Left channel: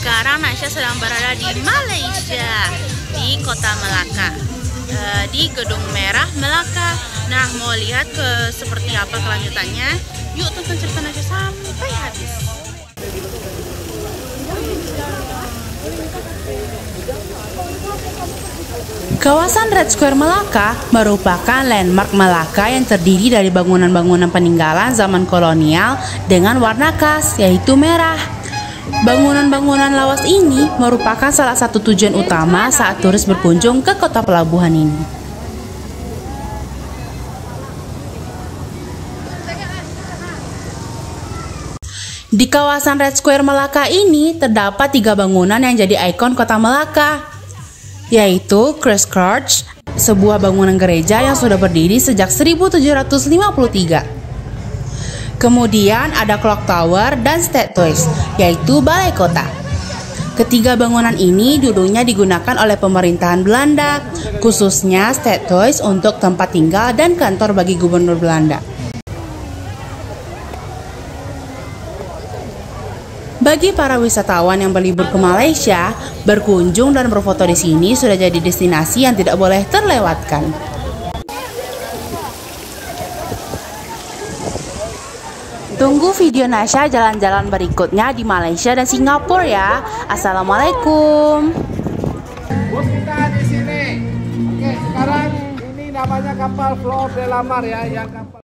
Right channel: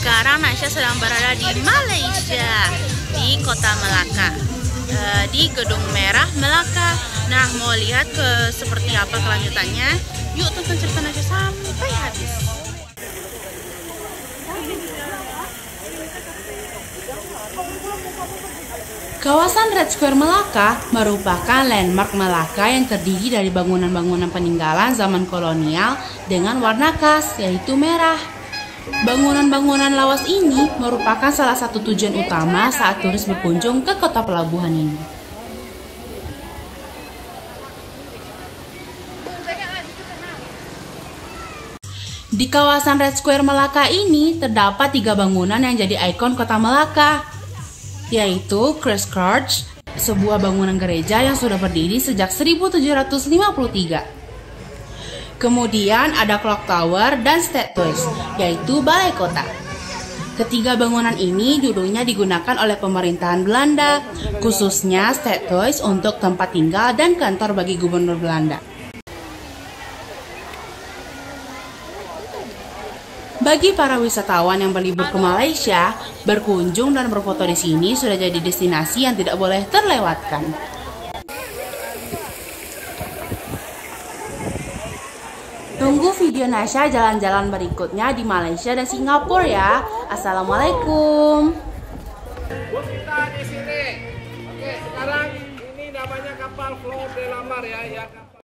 Sekarang Nasya sedang berada di Malaysia, di kota Melaka, di Gedung Merah Melaka. Nah, mau lihat seperti apa kelanjutannya? Yuk tonton cerita Nasya sampai habis. Kawasan Red Square Melaka merupakan landmark Melaka yang terdiri dari bangunan-bangunan peninggalan zaman kolonial dengan warna khas, yaitu merah. Bangunan-bangunan lawas ini merupakan salah satu tujuan utama saat turis berkunjung ke kota pelabuhan ini. Di kawasan Red Square Melaka ini terdapat 3 bangunan yang jadi ikon kota Melaka, yaitu Christ Church, sebuah bangunan gereja yang sudah berdiri sejak 1753. Kemudian ada Clock Tower dan State Toys, yaitu balai kota. Ketiga bangunan ini dulunya digunakan oleh pemerintahan Belanda, khususnya State Toys untuk tempat tinggal dan kantor bagi gubernur Belanda. Bagi para wisatawan yang berlibur ke Malaysia, berkunjung dan berfoto di sini sudah jadi destinasi yang tidak boleh terlewatkan. Tunggu video Nasya jalan-jalan berikutnya di Malaysia dan Singapura ya. Assalamualaikum. Kita di sini. Oke, sekarang ini namanya kapal Flor de la Mar ya, yang kapal